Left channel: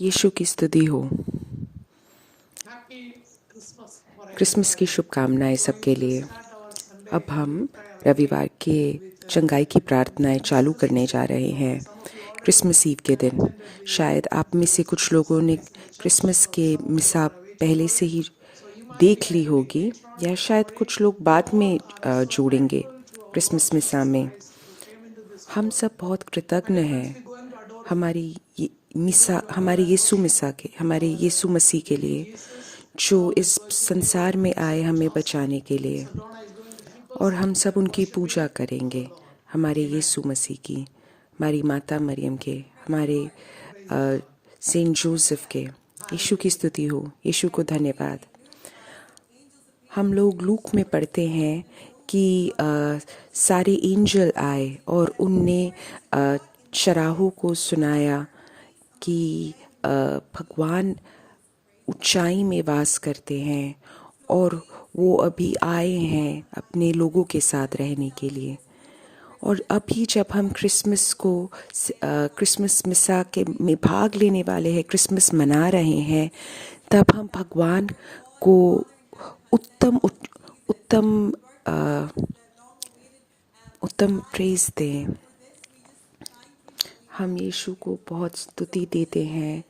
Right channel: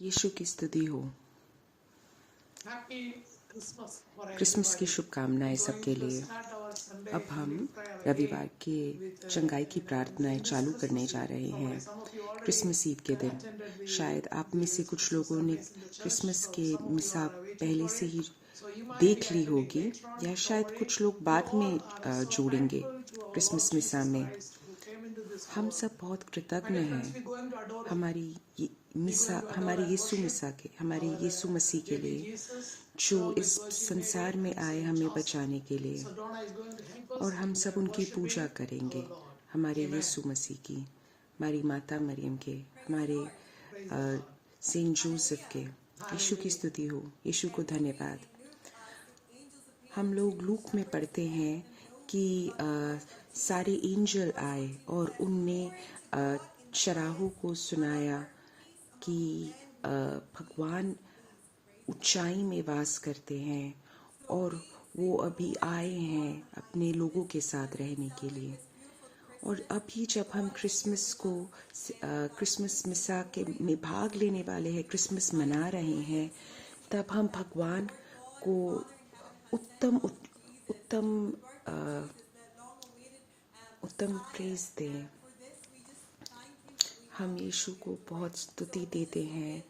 यीशु की स्तुति हो। क्रिसमस की शुभकामनाएं सबके लिए। अब हम रविवार के चंगाई की प्रार्थनाएं चालू करने जा रहे हैं क्रिसमस ईव के दिन। शायद आप में से कुछ लोगों ने क्रिसमस के मिसा पहले से ही देख ली होगी, या शायद कुछ लोग बाद में जोड़ेंगे क्रिसमस मिसा में। हम सब बहुत कृतज्ञ हैं हमारे यीशु मिसा के, हमारे यीशु मसीह के लिए, जो इस संसार में आए हमें बचाने के लिए। और हम सब उनकी पूजा करेंगे, हमारे यीशु मसीह की, हमारी माता मरियम के, हमारे सेंट जोसेफ के। यीशु की स्तुति हो, यीशु को धन्यवाद। हम लोग लूक में पढ़ते हैं कि सारे एंजल आए और उनने चराहों को सुनाया कि भगवान ऊंचाई में वास करते हैं और वो अभी आए हैं अपने लोगों के साथ रहने के लिए। और अभी जब हम क्रिसमस मिसा के में भाग लेने वाले हैं, क्रिसमस मना रहे हैं, तब हम भगवान को उत्तम प्रेज दें। हम यीशु को बहुत स्तुति देते हैं,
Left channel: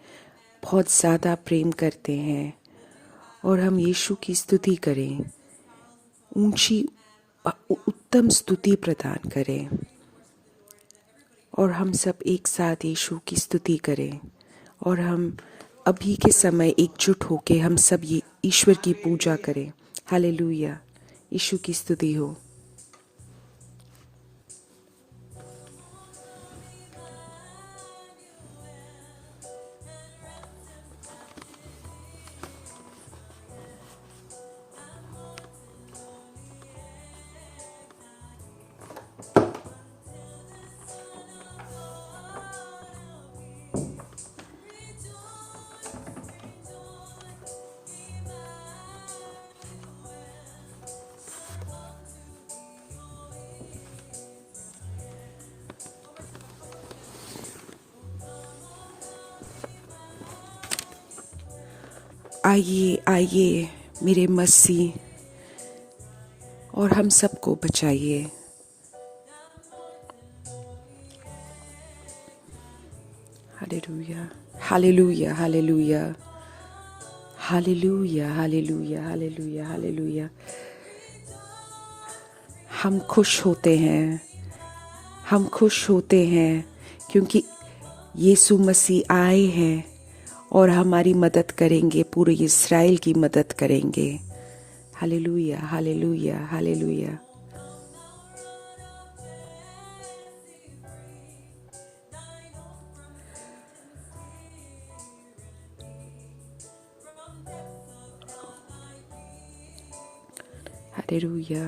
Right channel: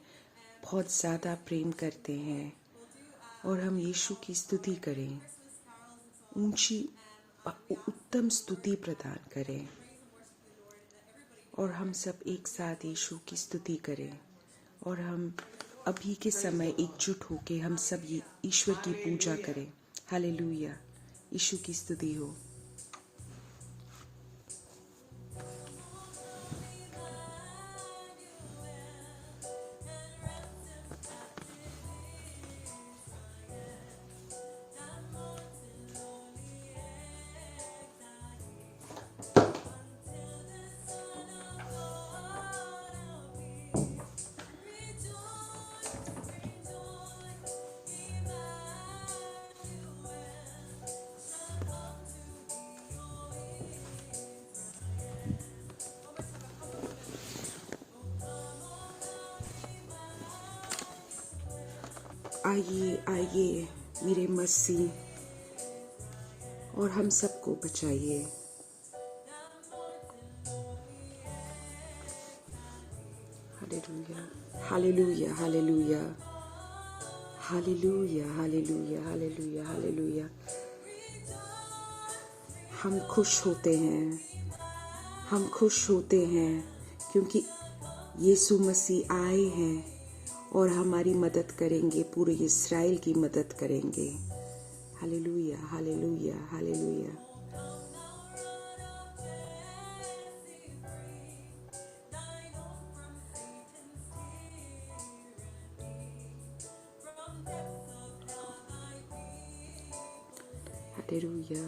बहुत ज़्यादा प्रेम करते हैं, और हम यीशु की स्तुति करें, उत्तम स्तुति प्रदान करें। और हम सब एक साथ यीशु की स्तुति करें, और हम अभी के समय एकजुट होके हम सब ये ईश्वर की पूजा करें। हालेलुया, यीशु की स्तुति हो। आइए आइए मेरे मसीह, और हम सबको बचाइए। Hallelujah, hallelujah, hallelujah, hallelujah, hallelujah, hallelujah, hallelujah. हम खुश होते हैं क्योंकि यीशु मसीह आए हैं और हमारी मदद करेंगे, पूरे इस्राएल की मदद करेंगे। Hallelujah, hallelujah, hallelujah. Hallelujah,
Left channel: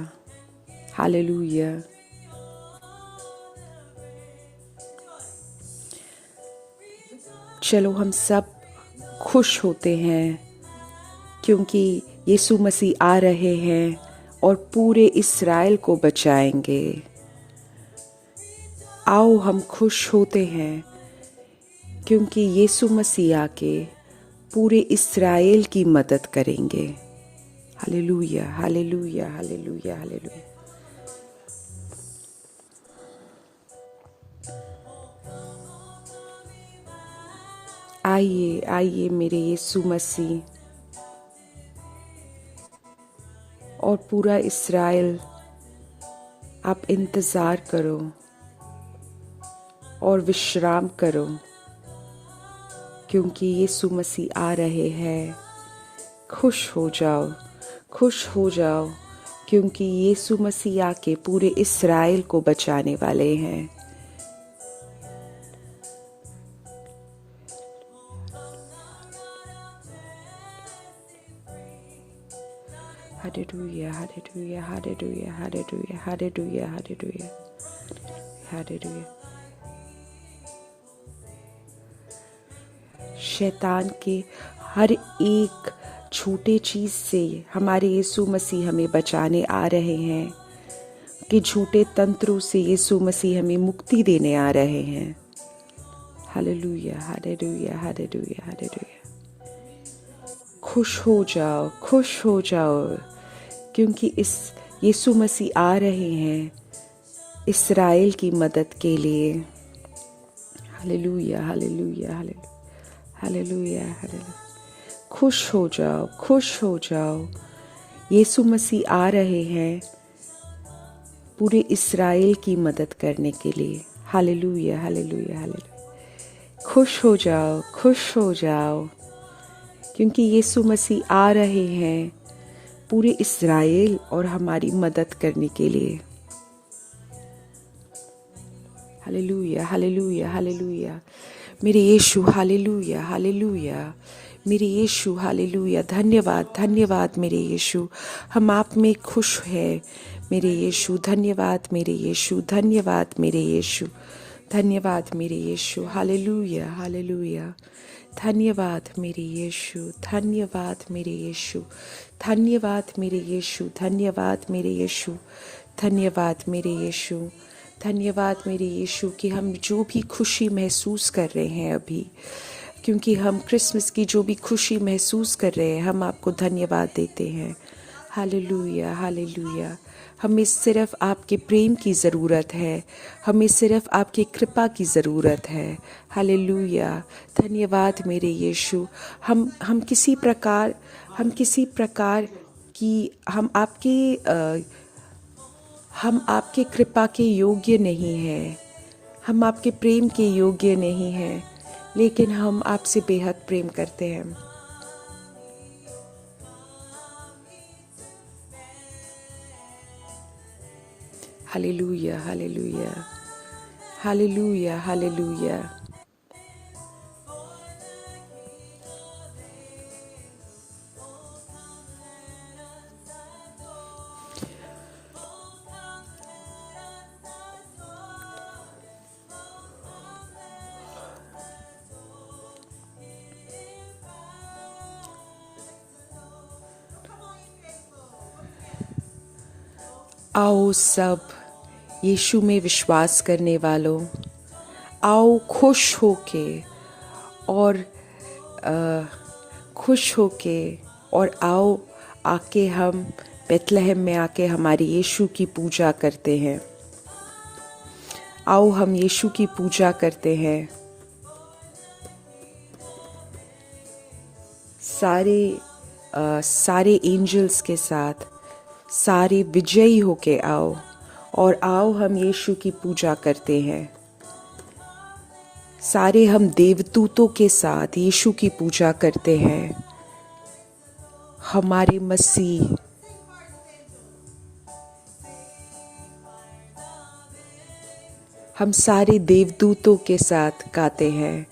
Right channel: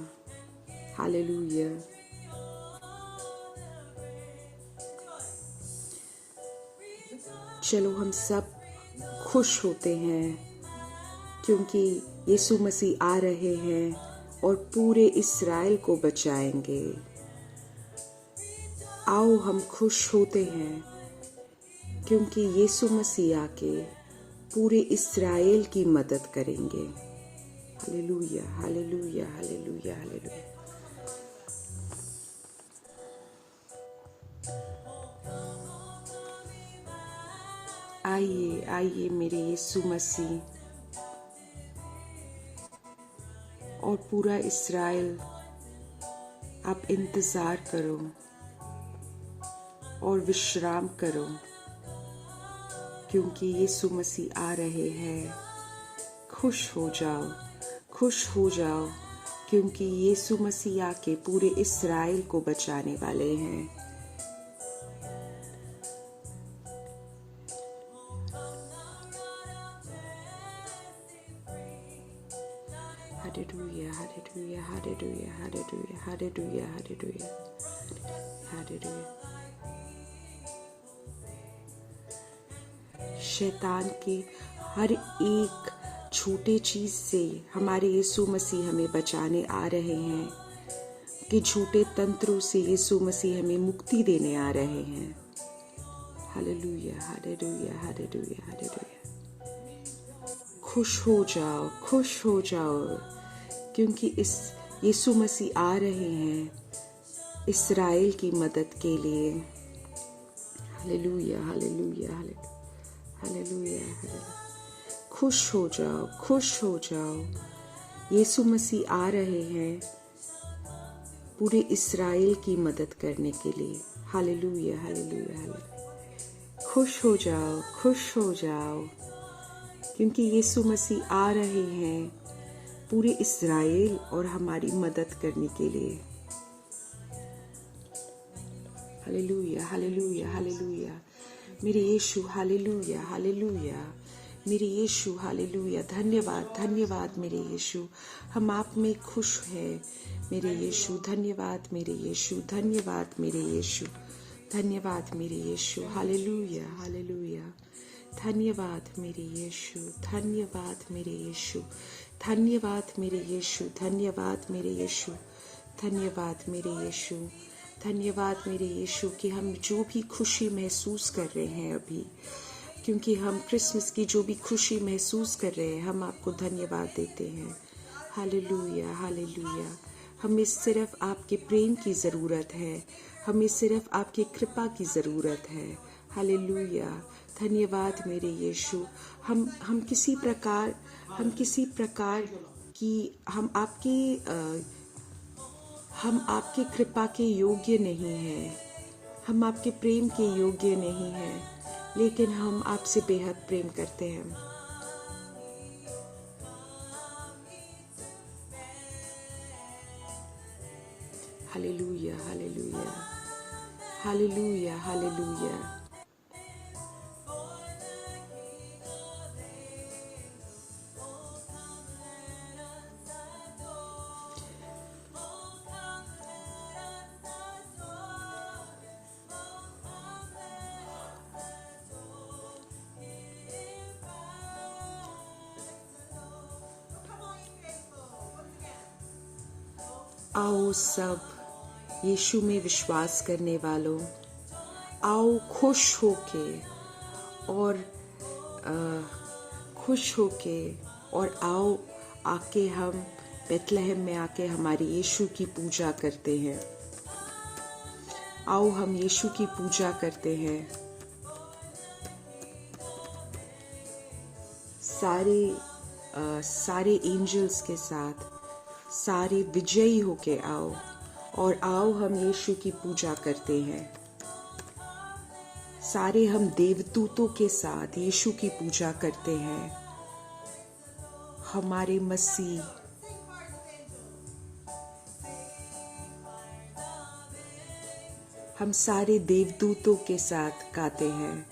hallelujah. चलो हम सब खुश होते हैं क्योंकि यीशु मसीह आ रहे हैं और पूरे इस्राएल को बचाएंगे। आओ हम खुश होते हैं क्योंकि यीशु मसीह आके पूरे इस्राएल की मदद करेंगे। Hallelujah, hallelujah, hallelujah, hallelujah. आइए आइए मेरे यीशु मसीह और पूरा इस्राएल, आप इंतज़ार करो और विश्राम करो क्योंकि यीशु मसीह आ रहे हैं। खुश हो जाओ, खुश हो जाओ क्योंकि यीशु मसीह आके पूरे इस्राएल को बचाने वाले हैं। Hallelujah, hallelujah, hallelujah, hallelujah, hallelujah, hallelujah, hallelujah। शैतान के हर एक छोटे चीज़ से हमारे यीशु मसीह हमें बचाने आ रहे हैं, कि झूठे तंत्रों से यीशु मसीह हमें मुक्ति देने आ रहे हैं। Hallelujah, hallelujah, hallelujah, hallelujah. खुश हो जाओ, खुश हो जाओ, क्योंकि इस यीशु मसीह आ रहे हैं इस्राएल की मदद के लिए। Hallelujah, hallelujah, hallelujah, hallelujah, hallelujah. खुश हो जाओ, खुश हो जाओ, यीशु मसीह आ रहे हैं पूरे इस्राएल की मदद करने के लिए। Hallelujah, hallelujah, hallelujah. खुश हो जाओ, खुश हो जाओ, क्योंकि यीशु मसीह आ रहे हैं पूरे इस्राएल और हमारी मदद करने के लिए। Hallelujah, hallelujah, hallelujah. मेरे यीशु, हालेलुया, हालेलुया। मेरे यीशु, हालेलुया। धन्यवाद, धन्यवाद मेरे यीशु, हम आप में खुश हैं मेरे यीशु। धन्यवाद मेरे यीशु, धन्यवाद मेरे यीशु, धन्यवाद मेरे यीशु। Hallelujah, hallelujah. धन्यवाद मेरे यीशु, धन्यवाद मेरे यीशु, धन्यवाद मेरे यीशु, धन्यवाद मेरे यीशु, धन्यवाद मेरे यीशु, धन्यवाद मेरे यीशु कि हम जो भी खुशी महसूस कर रहे हैं अभी, क्योंकि हम क्रिसमस की जो भी खुशी महसूस कर रहे हैं, हम आपको धन्यवाद देते हैं। Hallelujah, hallelujah. हमें सिर्फ आपके प्रेम की ज़रूरत है, हमें सिर्फ आपकी कृपा की ज़रूरत है। हालेलुया, धन्यवाद मेरे यीशु। हम किसी प्रकार की हम आपके कृपा के योग्य नहीं हैं, हम आपके प्रेम के योग्य नहीं हैं, लेकिन हम आपसे बेहद प्रेम करते हैं। Hallelujah, hallelujah, hallelujah, hallelujah. आओ सब यीशु में विश्वास करने वालों, आओ खुश होके और आओ आके हम बेथलेहम में आके हमारे यीशु की पूजा करते हैं। आओ हम यीशु की पूजा करते हैं। सारे एंजल्स के साथ, सारे विजयी होके आओ और आओ हम यीशु की पूजा करते हैं। सारे हम देवदूतों के साथ यीशु की पूजा करते हैं। हमारे मसीह हम सारे देवदूतों के साथ गाते हैं।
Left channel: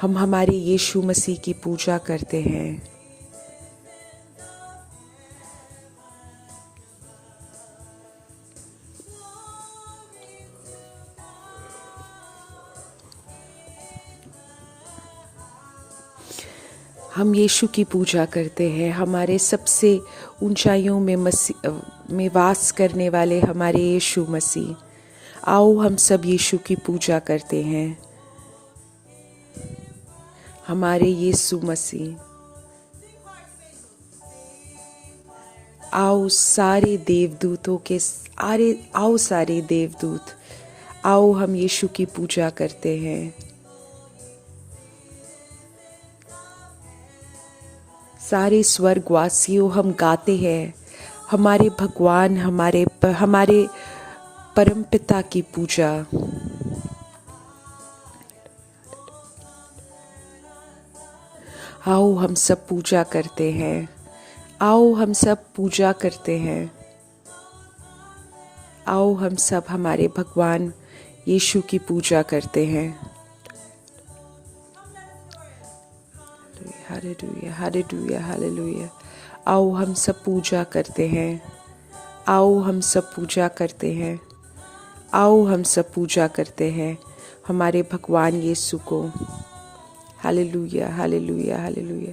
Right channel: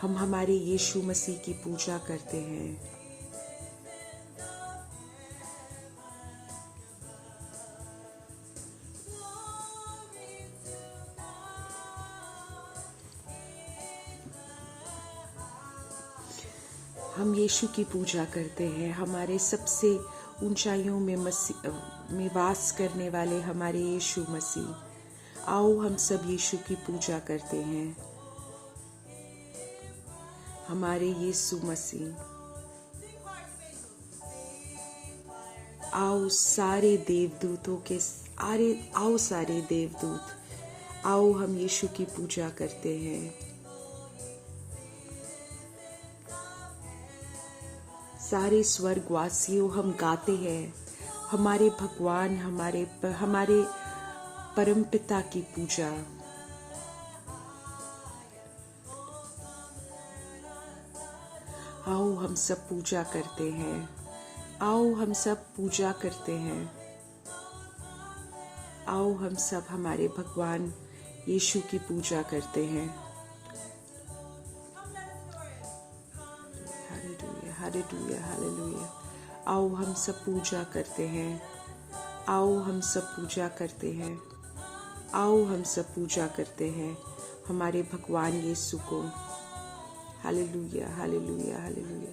हम हमारे यीशु मसीह की पूजा करते हैं। हम यीशु की पूजा करते हैं। हमारे सबसे ऊंचाइयों में वास करने वाले हमारे यीशु मसीह, आओ हम सब यीशु की पूजा करते हैं। हमारे यीशु मसीह, आओ सारे देवदूत, आओ हम यीशु की पूजा करते हैं। सारे स्वर्गवासियों हम गाते हैं हमारे भगवान, हमारे परमपिता की पूजा। आओ हम सब पूजा करते हैं। आओ हम सब पूजा करते हैं। आओ हम सब हमारे भगवान यीशु की पूजा करते हैं। Hallelujah, hallelujah, hallelujah. आओ हम सब पूजा करते हैं। आओ हम सब पूजा करते हैं। आओ हम सब पूजा करते हैं हमारे भगवान यीशु को। Hallelujah, hallelujah, hallelujah.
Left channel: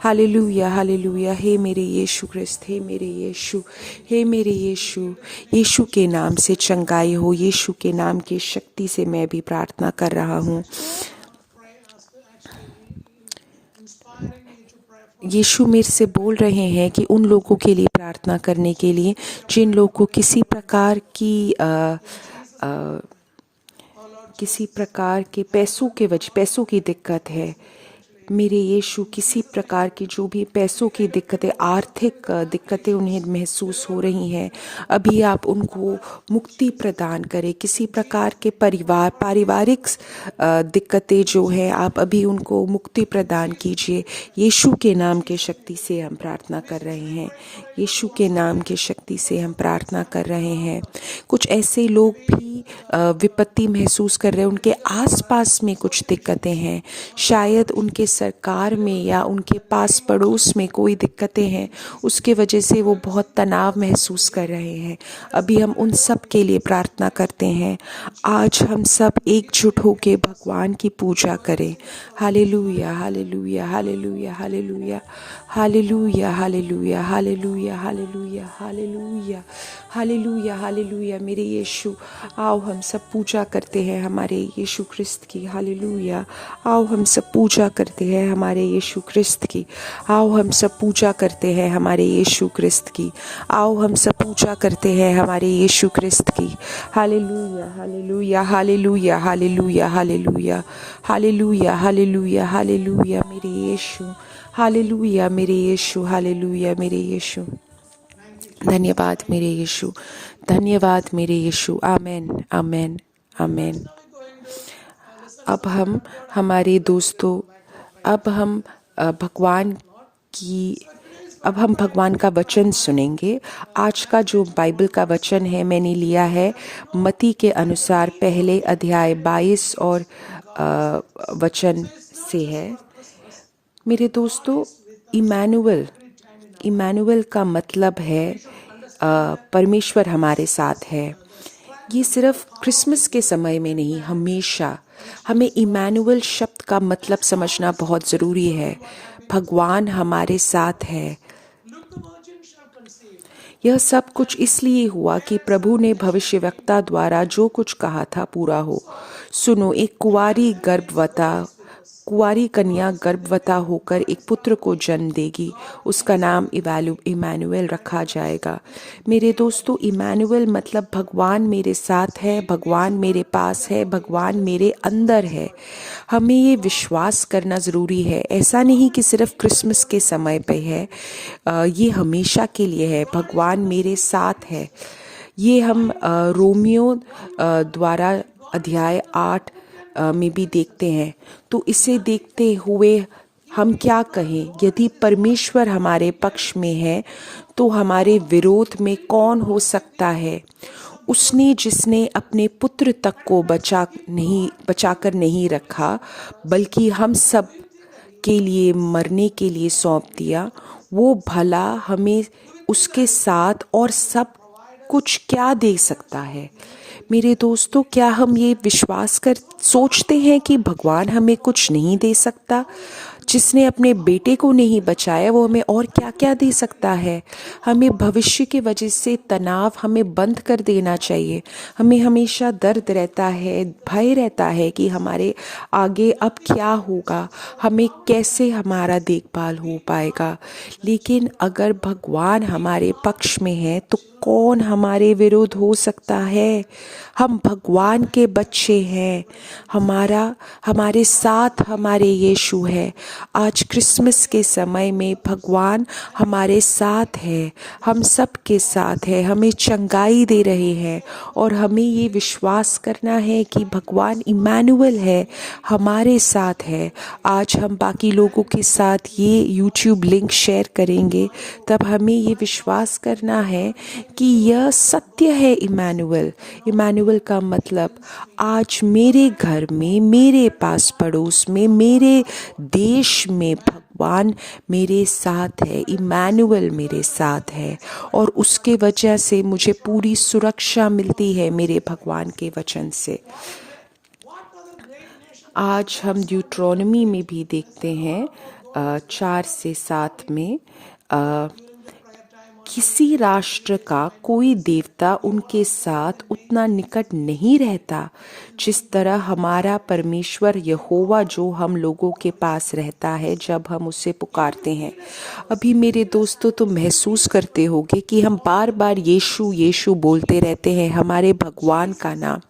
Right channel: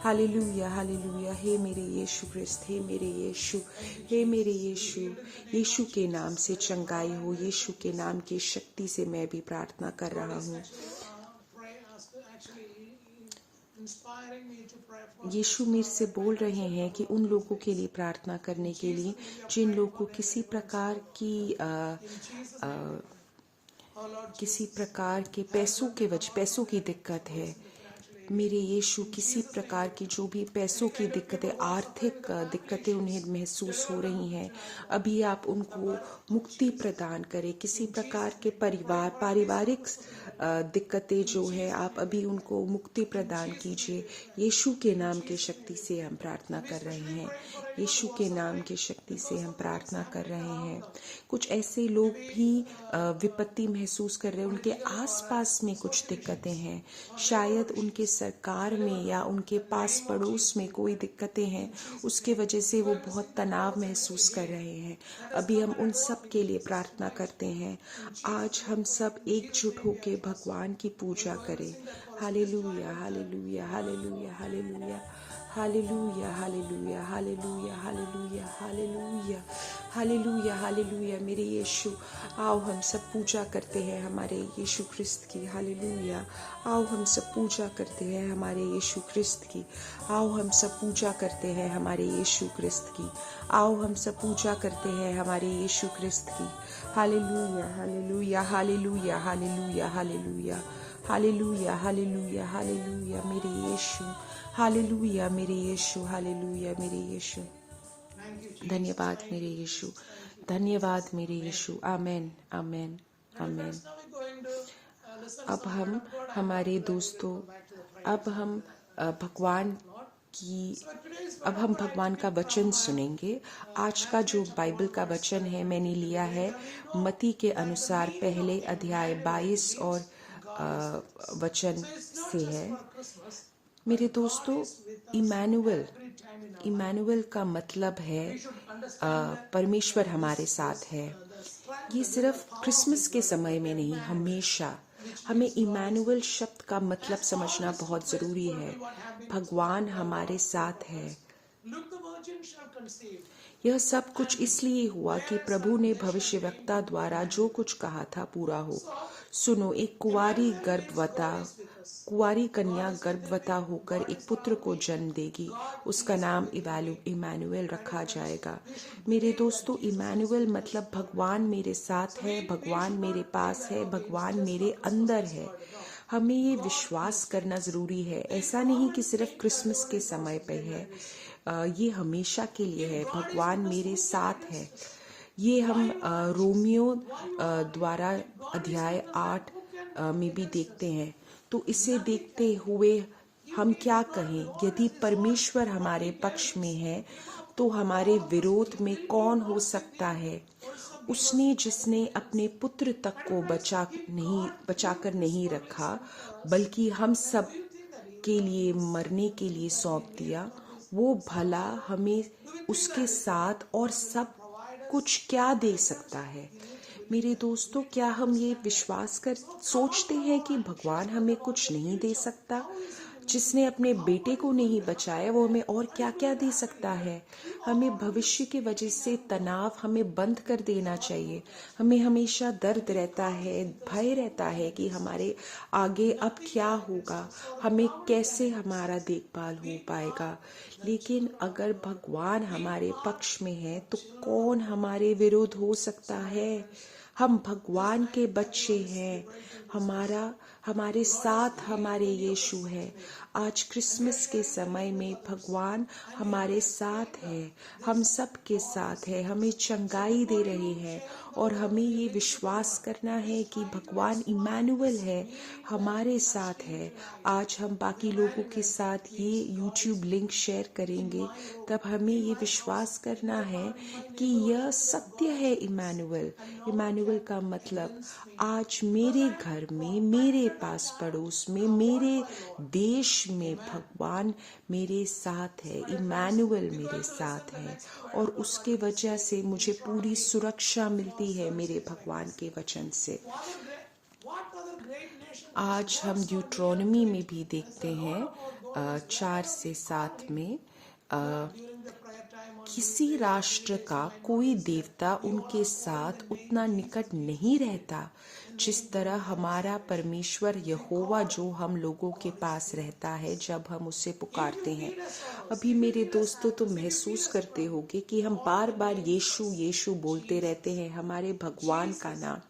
Hallelujah, hallelujah. हे मेरे यीशु ख्रिस्त, हे मेरे यीशु, हे मेरे यीशु। यीशु के नाम से चंगाई हो, यीशु के नाम की शक्ति से मैं भी प्रार्थना कर रहा हूँ। यीशु मेरे से बोल रहे हैं कि उन लोगों के लिए प्रार्थना करने के लिए जिन लोगों को किसी प्रकार के पैसों की दिक्कत है। मेरे यीशु, किसी प्रकार की जो भी पैसों की दिक्कतें, आर्थिक दिक्कतें उन्हें महसूस हो रही हैं, अभी आप उनको मुक्ति प्रदान करें। किसी प्रकार के पारिवारिक दिक्कतें जो है, आप अभी उनको मुक्ति प्रदान कीजिए। यीशु के नाम के शक्ति से हम प्रार्थना कर रहे हैं। यीशु के नाम की शक्ति से हम प्रार्थना कर रहे हैं। कुछ ऐसे लोग भी विपत्ति महसूस कर रहे हैं, उनके आसपास में कुछ दिक्कतें हैं, शायद उनके सरकार में या उनके पास पड़ोस में कोई दिक्कतें हैं, उसके वजह से वो बहुत तनाव महसूस कर रहे हैं। अभी हम उन सब के लिए प्रार्थना करते हैं। आज हम सब एकजुट होकर भगवान की पूजा करें। Hallelujah, hallelujah, hallelujah, hallelujah, hallelujah, hallelujah, hallelujah, hallelujah, hallelujah, hallelujah, hallelujah. मेरे यीशु, आओ हम सब पूजा करते हैं हमारे यीशु ख्रिस्त की। हालेलुया। आओ हम सब पूजा करते हैं हमारे यीशु ख्रिस्त की। आओ हम सब पूजा करते हैं हमारे यीशु ख्रिस्त की। आओ हम सब पूजा करते हैं हमारे यीशु ख्रिस्त की। Hallelujah, hallelujah, hallelujah, hallelujah, hallelujah, hallelujah, hallelujah, hallelujah मेरे यीशु। हालेलुया मेरे यीशु, हालेलुया मेरे यीशु। धन्यवाद मेरे यीशु, धन्यवाद मेरे यीशु। आमेन, आमेन, आमेन। अब हम हमारे दोस्तों, अब हम भगवान का वचन सुनेंगे। आज का जो बाइबल का वचन है, मैंने लिया है मत्ती के अनुसार पहले अध्याय 22 और वचन से है। मेरे दोस्तों, इमैनुअल का मतलब है परमेश्वर हमारे साथ है। ये सिर्फ क्रिसमस के समय में नहीं, हमेशा हमें इमैनुअल शब्द का मतलब समझना बहुत ज़रूरी है। भगवान हमारे साथ है। यह सब कुछ इसलिए हुआ कि प्रभु ने भविष्यवक्ता द्वारा जो कुछ कहा था पूरा हो। सुनो, एक कुंवारी कन्या गर्भवता होकर एक पुत्र को जन्म देगी, उसका नाम इमैनुअल रखा जाएगा। मेरे दोस्तों, इमैनुअल मतलब भगवान मेरे साथ है, भगवान मेरे पास है, भगवान मेरे अंदर है। हमें ये विश्वास करना ज़रूरी है। ऐसा नहीं कि सिर्फ क्रिसमस के समय पे है, ये हमेशा के लिए है। भगवान मेरे साथ है। ये हम रोमियो द्वारा अध्याय 8 में भी देखते हैं। तो इसे देखते हुए हम क्या कहें? यदि परमेश्वर हमारे पक्ष में है तो हमारे विरोध में कौन हो सकता है? उसने जिसने अपने पुत्र तक को बचाकर नहीं रखा, बल्कि हम सब के लिए मरने के लिए सौंप दिया, वो भला हमें उसके साथ और सब कुछ क्या दे सकता है? मेरे दोस्तों, क्या हम ये सोचते हैं कि भगवान हमें कुछ नहीं दे सकता? जिसने अपने बेटे को नहीं बचाया, वो हमें और क्या क्या दे सकता है? हमें भविष्य की वजह से तनाव हमें बंद कर देना चाहिए। हमें हमेशा दर्द रहता है, भय रहता है कि हमारे आगे अब क्या होगा, हमें कैसे हमारा देखभाल हो पाएगा। लेकिन अगर भगवान हमारे पक्ष में है तो कौन हमारे विरोध हो सकता है? हम भगवान के बच्चे हैं। हमारे साथ हमारे यीशु है। आज क्रिसमस के समय में भगवान हमारे साथ है, हम सब के साथ है, हमें चंगाई दे रहे हैं। और हमें ये विश्वास करना है कि भगवान इमैनुअल है, हमारे साथ है। आज हम बाकी लोगों के साथ ये YouTube लिंक शेयर करेंगे, तब हमें ये विश्वास करना है कि यह सत्य है। इमैनुअल का मतलब आज मेरे घर में, मेरे पास पड़ोस में, मेरे देश में भगवान मेरे साथ है। इमैनुअल मेरे साथ है और उसके वजह से मुझे पूरी सुरक्षा मिलती है मेरे भगवान के वचन से। आज हम ड्यूट्रोनमी में भी देखते हैं 4 से 7 में किसी राष्ट्र का कोई देवता उनके साथ उतना निकट नहीं रहता जिस तरह हमारा परमेश्वर यहोवा जो हम लोगों के पास रहता है जब हम उसे पुकारते हैं। अभी मेरे दोस्तों, तुम महसूस करते होगे कि हम बार बार यीशु यीशु बोलते रहते हैं, हमारे भगवान का नाम।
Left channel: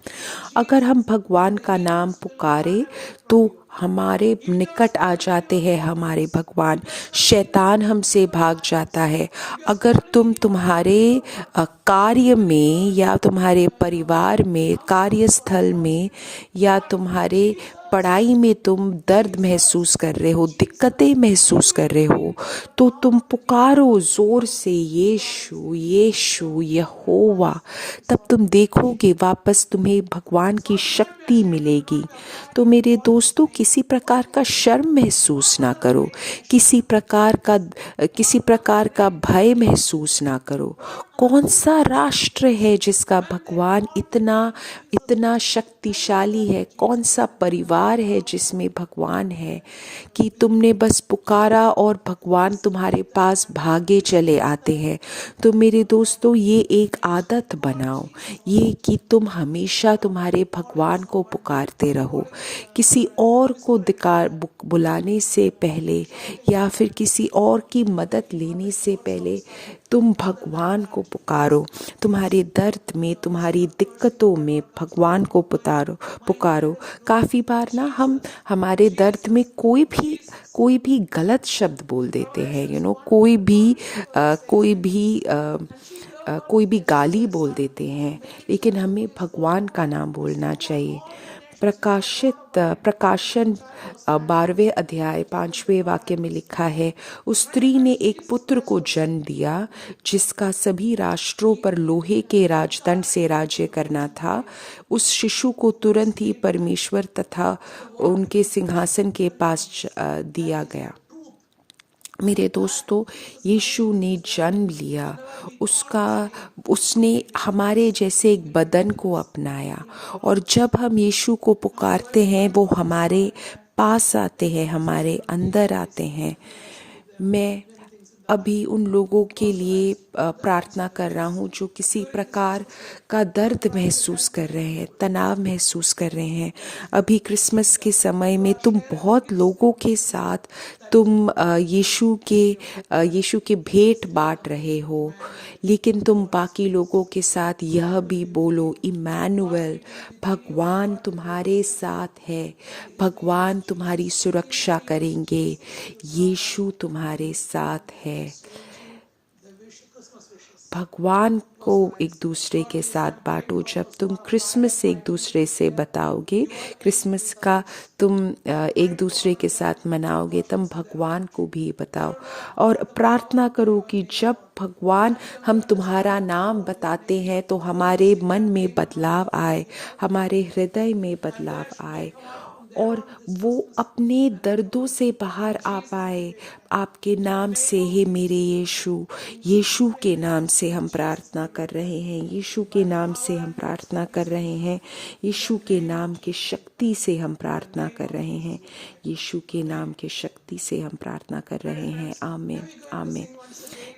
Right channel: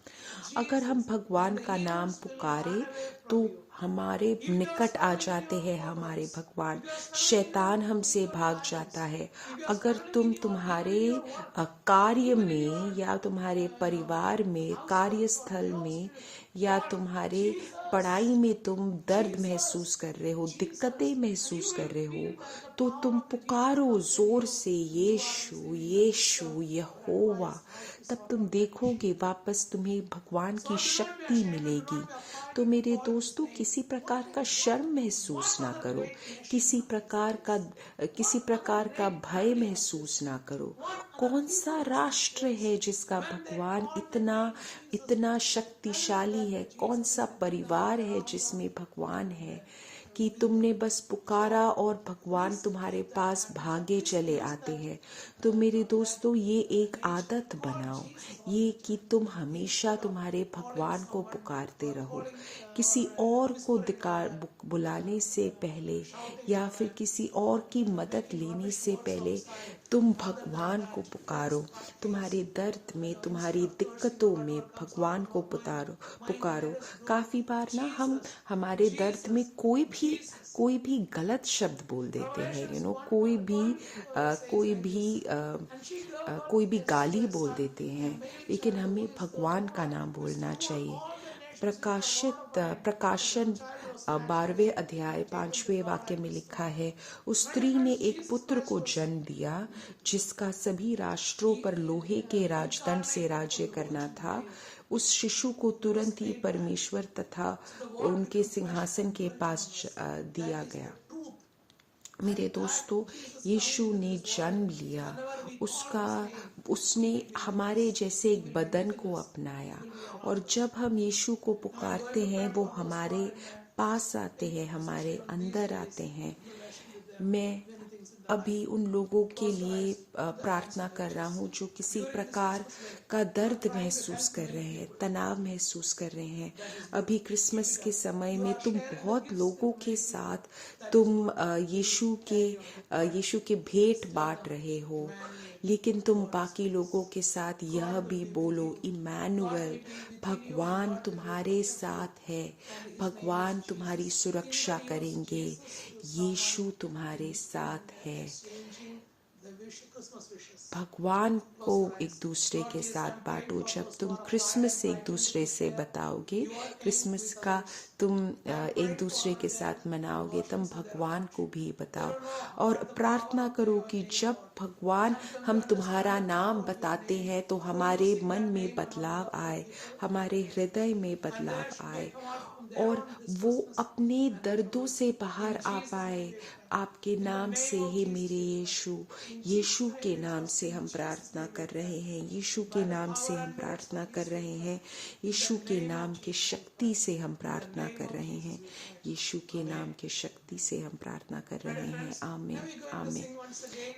अगर हम भगवान का नाम पुकारे तो हमारे निकट आ जाते हैं हमारे भगवान, शैतान हमसे भाग जाता है। अगर तुम्हारे कार्य में या तुम्हारे परिवार में, कार्यस्थल में या तुम्हारे पढ़ाई में तुम दर्द महसूस कर रहे हो, दिक्कतें महसूस कर रहे हो, तो तुम पुकारो जोर से यीशु यीशु यहोवा। तब तुम देखोगे वापस तुम्हें भगवान की शक्ति मिलेगी। तो मेरे दोस्तों, किसी प्रकार का शर्म महसूस ना करो, किसी प्रकार का भय महसूस ना करो। कौन सा राष्ट्र है जिसका भगवान इतना शक्तिशाली है? कौन सा परिवार है जिसमें भगवान है कि तुमने बस पुकारा और भगवान तुम्हारे पास भागे चले आते हैं? तो मेरे दोस्तों, ये एक आदत बनाओ, ये कि तुम हमेशा तुम्हारे भगवान को पुकारते रहो। किसी और को बुलाने से पहले या फिर किसी और की मदद लेने से पहले तुम भगवान को पुकारो। तुम्हारे दर्द में, तुम्हारी दिक्कतों में भगवान को पुकारो। काफ़ी बार ना हम हमारे दर्द में कोई भी गलत शब्द बोल देते हैं, कोई भी गाली बोल देते हैं, लेकिन हमें भगवान का नाम बोलना चाहिए। प्रकाशन 12वें अध्याय 5वें वाक्य में लिखा है, उस स्त्री ने एक पुत्र को जन्म दिया जिसका सभी राष्ट्रों पर लोहे के राजदंड से राज्य करना था। उस शिशु को तुरंत ही परमेश्वर तथा उनके सिंहासन के पास दिया गया। मेरे दोस्तों, यीशु ने जन्म लिया, उसने हमारे जैसे एक बदन को अपनाया, और जब हम यीशु को पुकारते हैं वो हमारे पास आते हैं, हमारे अंदर आते हैं। मैं अभी उन लोगों के लिए प्रार्थना कर रहा हूँ जो किसी प्रकार का दर्द महसूस कर रहे हैं, तनाव महसूस कर रहे हैं। अभी क्रिसमस के समय में तुम बहुत लोगों के साथ तुम यीशु के भेंट बांट रहे हो, लेकिन तुम बाकी लोगों के साथ यह भी बोलो, इम्मानुएल, भगवान तुम्हारे साथ है, भगवान तुम्हारी सुरक्षा करेंगे, यीशु तुम्हारे साथ है। भगवान को एक दूसरे के साथ बांटो। जब तुम क्रिसमस एक दूसरे से बताओगे, क्रिसमस का तुम एक दूसरे के साथ मनाओगे, तब भगवान को भी बताओ और प्रार्थना करो कि जब भगवान हम तुम्हारा नाम बताते हैं तो हमारे मन में बदलाव आए, हमारे हृदय में बदलाव आए और वो अपने दर्दों से बाहर आ पाए। आपके नाम से ही मेरे यीशु के नाम से हम प्रार्थना कर रहे हैं, यीशु के नाम से हम प्रार्थना कर रहे हैं, यीशु के नाम की शक्ति से हम प्रार्थना कर रहे हैं, यीशु के नाम की शक्ति से हम प्रार्थना कर रहे हैं। आमीन, आमीन।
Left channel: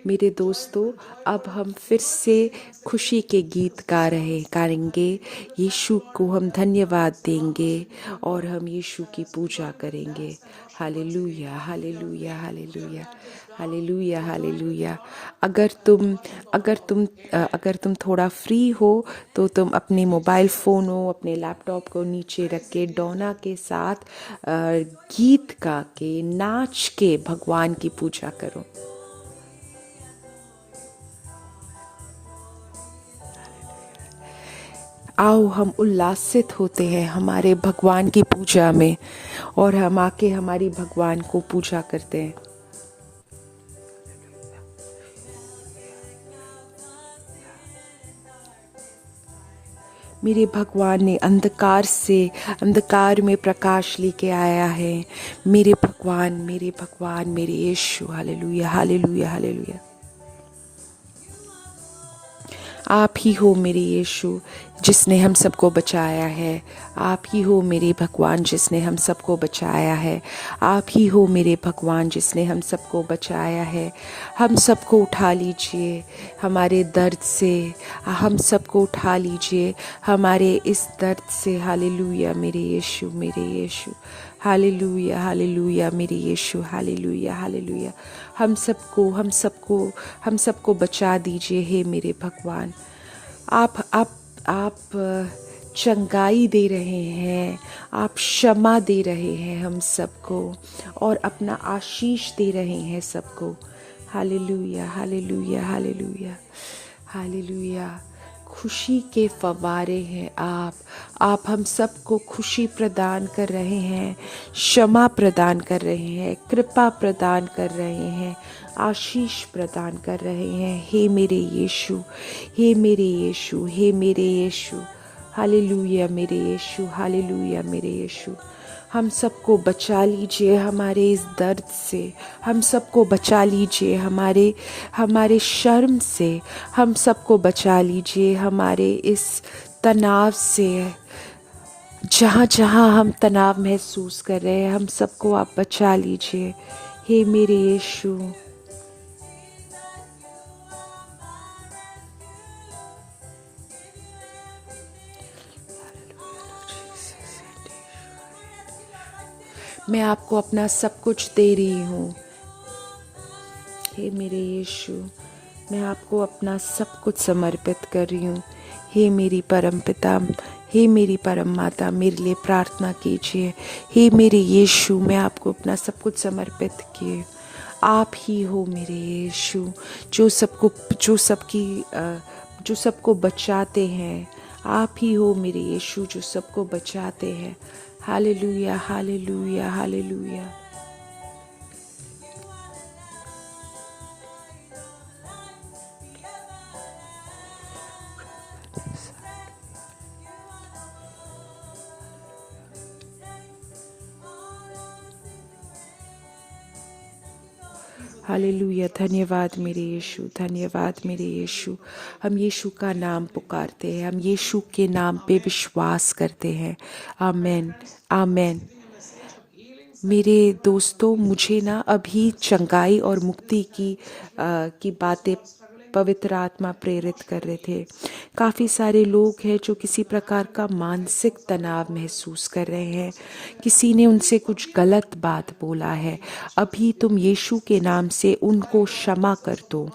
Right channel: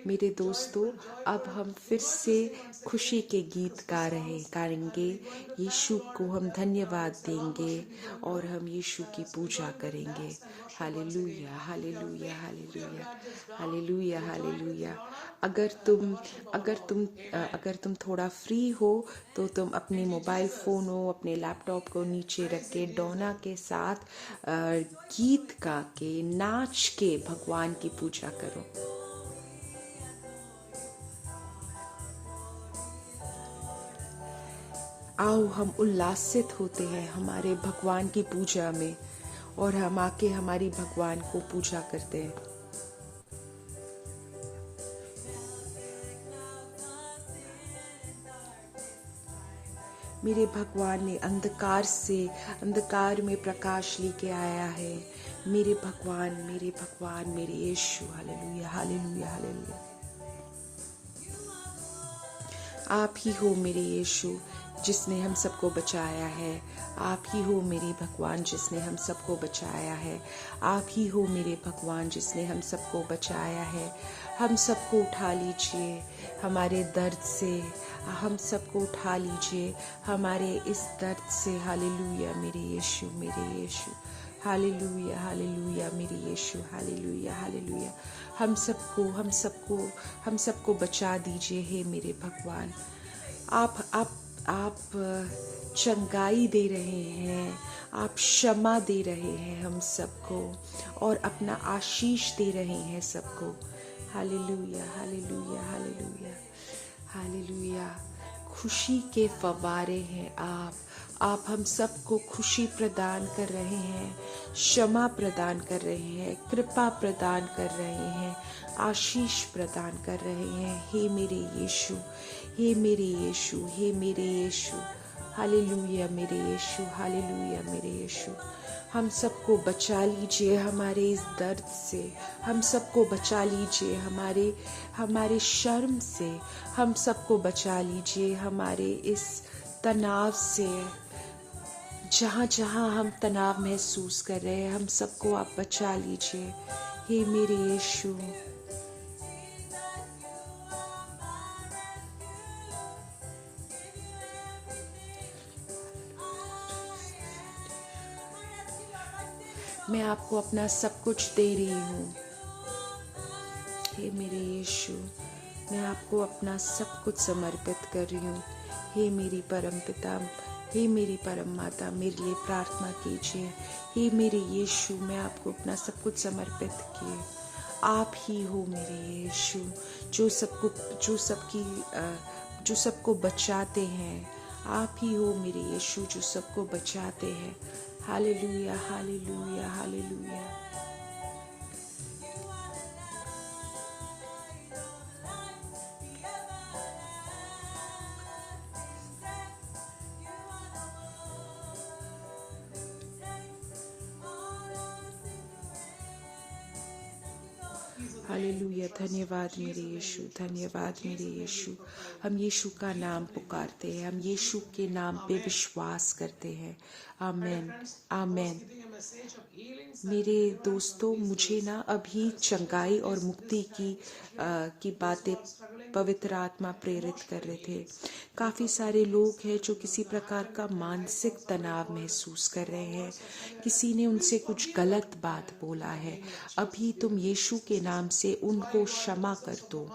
मेरे दोस्तों, अब हम फिर से खुशी के गीत गाएंगे, यीशु को हम धन्यवाद देंगे और हम यीशु की पूजा करेंगे। Hallelujah, hallelujah, hallelujah, hallelujah, hallelujah. अगर तुम थोड़ा फ्री हो तो तुम अपने मोबाइल फ़ोन हो, अपने लैपटॉप को नीचे रख के डोना के साथ गीत गा के, नाच के भगवान की पूजा करो। आओ हम उल्लासित होते हैं हमारे भगवान की पूजा में और हम आके हमारी भगवान को पूजा करते हैं। मेरे भगवान ने अंधकार में प्रकाश लेके आया है। मेरे भगवान, मेरे यीशु। Hallelujah, hallelujah, hallelujah. आप ही हो मेरे यीशु जिसने हम सबको बचाया है। आप ही हो मेरे भगवान जिसने हम सबको बचाया है। आप ही हो मेरे भगवान जिसने हम सबको बचाया है। हम सबको उठा लीजिए हमारे दर्द से, हम सबको उठा लीजिए हमारे इस दर्द से। हालेलुया मेरे यीशु, मेरे यीशु। हालेलुया, हालेलुया मेरे यीशु। Hallelujah, hallelujah. हम सबको बचा दीजिए हे मेरे भगवान। आप चंगाई दे रहे हैं, आप क्षमा दे रहे हैं हम सबको, और अपना आशीष दे रहे हैं सबको। Hallelujah, hallelujah, hallelujah, hallelujah. खुशी के फव्वारे हैं आप हम सबको खुशी प्रदान कर रहे हैं, क्षमा प्रदान कर रहे हैं, कृपा प्रदान कर रहे हैं, आशीष प्रदान कर रहे हैं हे मेरे यीशु, हे मेरे यीशु, हे मेरे यीशु। हालेलुया मेरे यीशु, हालेलुया मेरे यीशु। हम सबको बचा लीजिए हमारे इस दर्द से, हम सबको बचा लीजिए हमारे शर्म से, हम सबको बचा लीजिए हमारे इस तनाव से। जहाँ जहाँ हम तनाव महसूस कर रहे हैं, हम सबको आप बचा लीजिए हे मेरे यीशु। मैं आपको अपना सब कुछ दे रही हूँ हे मेरे यीशु। मैं आपको अपना सब कुछ समर्पित कर रही हूँ हे मेरी परम पिता, हे मेरी परम माता, मेरे लिए प्रार्थना कीजिए हे मेरे यीशु। मैं आपको अपना सब कुछ समर्पित किए। आप ही हो मेरे यीशु जो सबको बचाते हैं। आप ही हो मेरे यीशु जो सबको बचाते हैं। Hallelujah, hallelujah, hallelujah. हालेलुया। धन्यवाद मेरे यीशु, धन्यवाद मेरे यीशु। हम यीशु का नाम पुकारते हैं, हम यीशु के नाम पे विश्वास करते हैं। आमेन, आमेन। मेरे दोस्तों, मुझे ना अभी चंगाई और मुक्ति की बातें पवित्र आत्मा प्रेरित कर रहे थे। काफ़ी सारे लोग हैं जो किसी प्रकार का मानसिक तनाव महसूस कर रहे हैं। किसी ने उनसे कुछ गलत बात बोला है। अभी तुम यीशु के नाम से उनको क्षमा कर दो।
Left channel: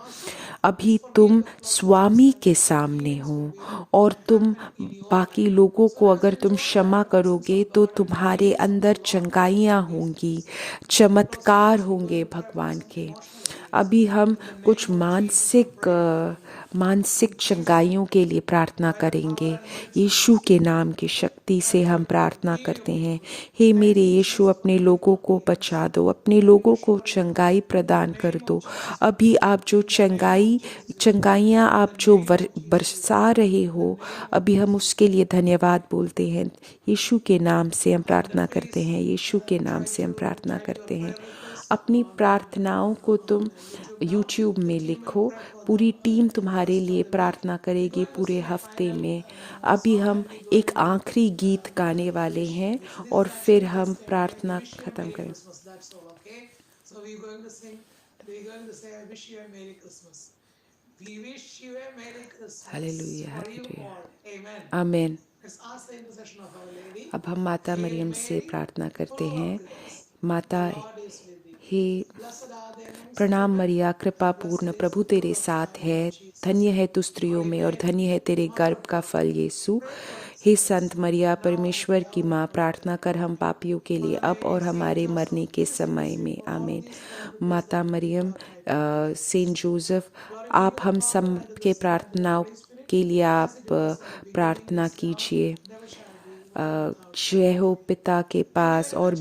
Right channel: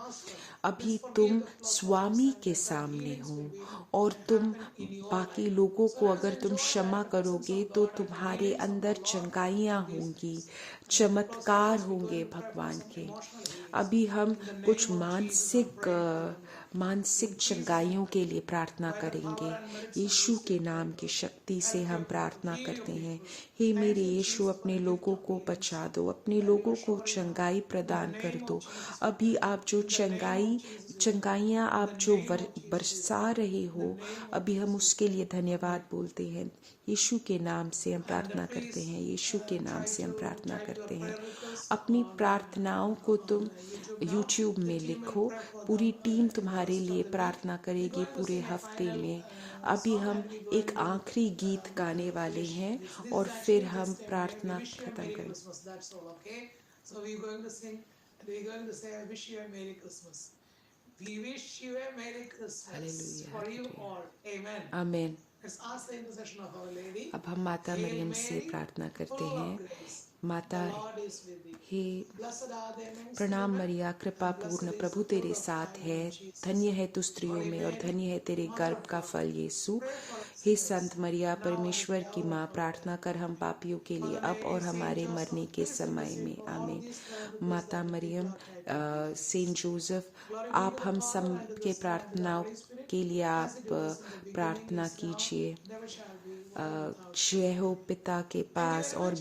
अभी तुम स्वामी के सामने हो, और तुम बाकी लोगों को अगर तुम क्षमा करोगे तो तुम्हारे अंदर चंगाइयाँ होंगी, चमत्कार होंगे भगवान के। अभी हम कुछ मानसिक चंगाइयों के लिए प्रार्थना करेंगे। यीशु के नाम की शक्ति से हम प्रार्थना करते हैं। हे मेरे यीशु, अपने लोगों को बचा दो, अपने लोगों को चंगाई प्रदान कर दो। अभी आप जो चंगाइयाँ आप जो बरसा रहे हो, अभी हम उसके लिए धन्यवाद बोलते हैं। यीशु के नाम से हम प्रार्थना करते हैं, यीशु के नाम से हम प्रार्थना करते हैं। अपनी प्रार्थनाओं को तुम YouTube में लिखो, पूरी टीम तुम्हारे लिए प्रार्थना करेगी पूरे हफ्ते में। अभी हम एक आखिरी गीत गाने वाले हैं और फिर हम प्रार्थना खत्म करें। हालेलुया, हालेलुया, आमेन। अब हम माता मरियम से प्रार्थना करते हैं। माता, हे प्रणाम मरिया, कृपा पूर्ण, प्रभु तेरे साथ है। धन्य है तू स्त्रियों में और धन्य है तेरे गर्भ का फल यीशु। हे संत मरिया, परमेश्वर की माँ, प्रार्थना कर हम पापियों के लिए अब और हमारे मरने के समय में। आमीन। माता मरियम, सेंट जोसेफ, आप हम सब के प्रार्थनाओं के लिए आप प्रार्थना कीजिए। जय हो पिता के पास और